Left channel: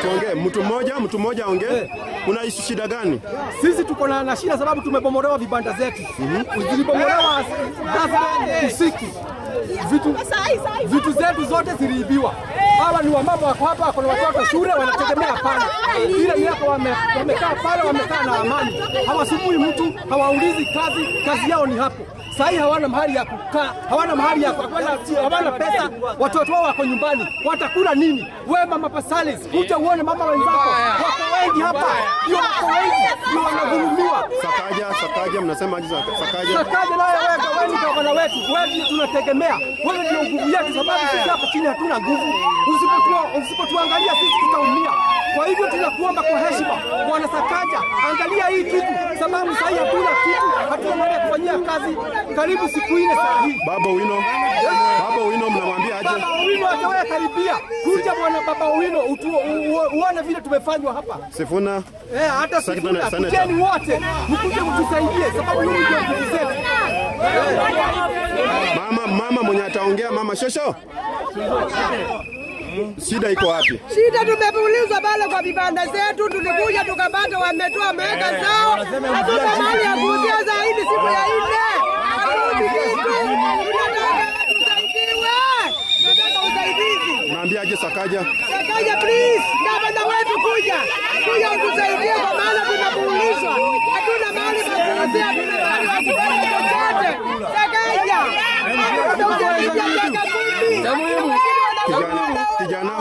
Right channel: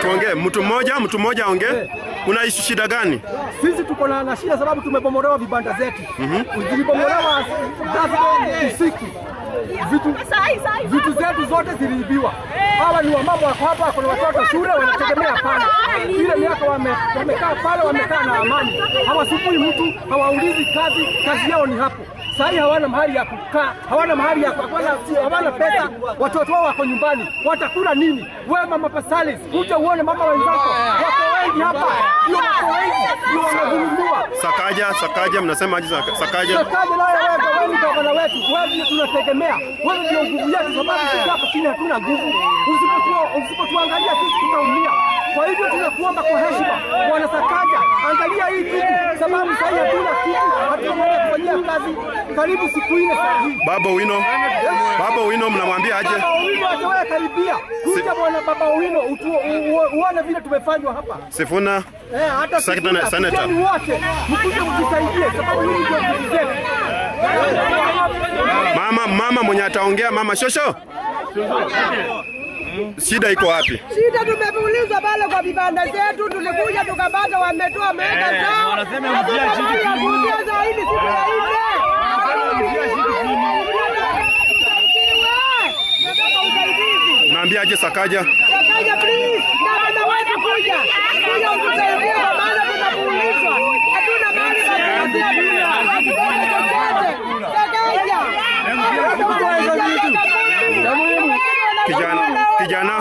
Tuongee mtu mmoja aongee. Unaishi shida gani? Sisi tuko na shida sababu tumebomolewa vibanda zetu. Zilibomolewa usiku. Vitu zetu zote ziliibiwa. Hawa ni wamama wako hapa, kuna watoto shule wanategemea pale. Ile miaka wamekaa pale, wamekaa na amani. Hawasumbui mtu, hawaulizi kazi yao ni hapo. Sasa hawana mahali ya kukaa, hawana mahali ya kukula, hawana pesa, watoto wao wako nyumbani. Watakula nini? Wewe mama Pasalis, kuja uone mama wenzako. Wako wengi hapa. Ndio wako wengi, ndio wanadhulumiwa. Sakaja mnasema aje Sakaja? Sakaja naye wewe ndio bwana wetu. Wewe ndio tunategemea. Wewe ndio nguvu yetu sababu sisi hapa chini hatuna nguvu. Usipotuangalia sisi tutaumia. Kwa hivyo tunakuomba kwa heshima, Bwana Sakaja, angalia hii kitu sababu sasa hatuna kitu, hatuna mahali ya kufanyia kazi. Karibu siku ile saa hii. Baba Owino mnamwambia aje? Baba Owino atawahi karibia. Kuja bwana Baba Owino uone vile tumefanywa hapa. Sifuna. Hata Senator wote mkuje mtusaidie sababu hii ndio nguvu zetu. Mama mwenye ataongea mama Shosho. Shida iko wapi? Shida tumeulizwa pale kwa vibanda zetu, tulikuja tukapata wametoa mega zao. Hatuna mali ya kuuzia zaidi siku ya 4. Naambia aje Sakaja? Sakaja please, na wetu kuja utusaidie kwa maana tunakuulizwa. Hatuna mali ya kuuzia, hatuna mali ya kupata chochote. Sakaja. Kijana